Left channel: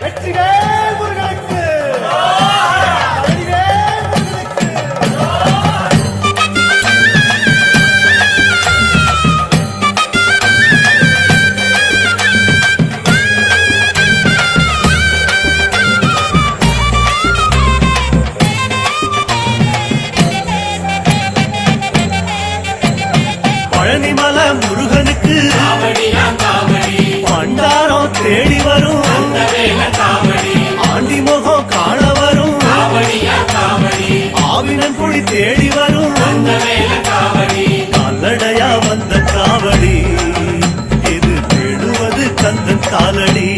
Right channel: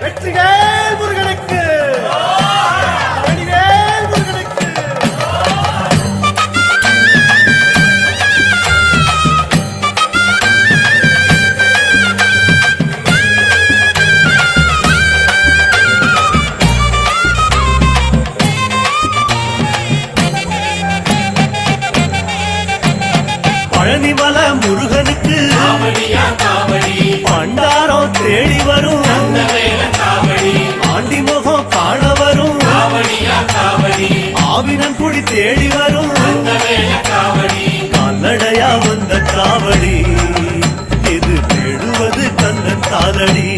வெற்றிவேல் முருகனுக்கு வடிவேல் முருகனுக்கு பழனிமலை முருகனுக்கு பண்டாரம் தேடி வரும் ஆண்டி முகம் காண வரும் ஆவினன் குடி தேடி வரும் கால்நடையா வந்த காவடி இது தேடுவது கந்தன் காலடி.